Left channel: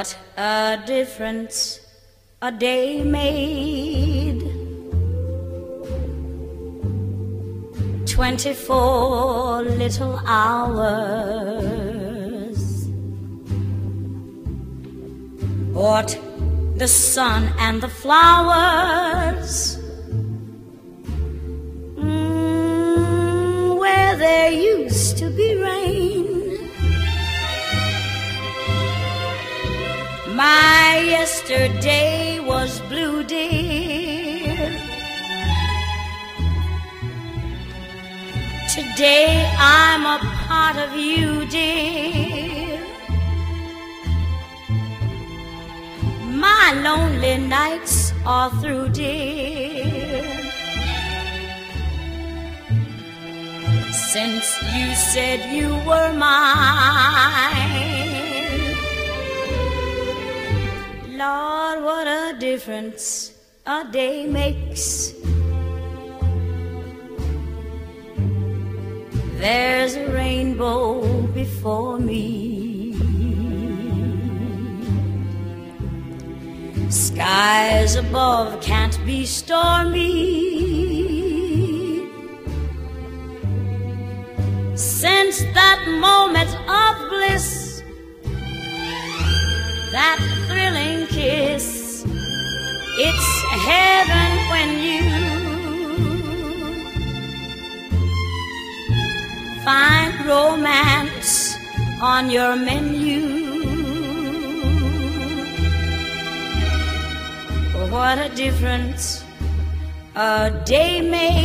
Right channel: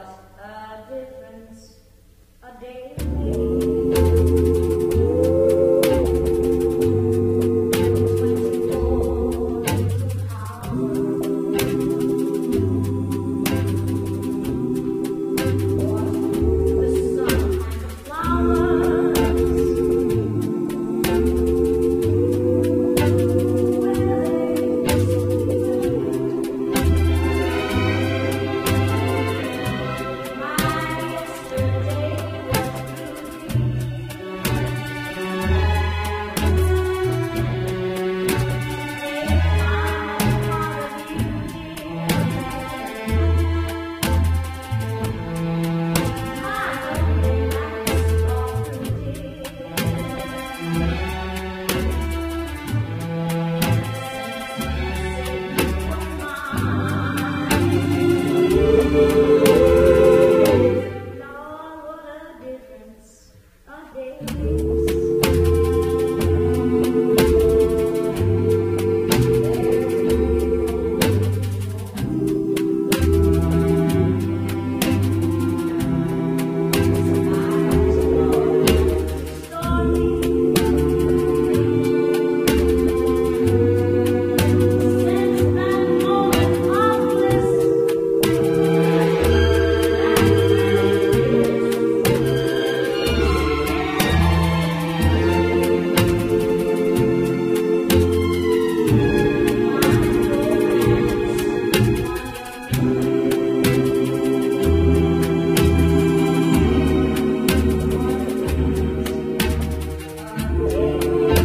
What a difference a day made. 24 little hours. What the sun and the flowers, where there used to be rain. My yesterday was blue, dear. Today I'm a part of you, dear. My lonely nights are through, dear. Since you said you were mine, Lord, what a difference a day makes. There's a rainbow before me. Skies above can't be stormy. Since that moment of bliss, that thrilling kiss, it's heaven when you find romance on your menu. What a difference a day made.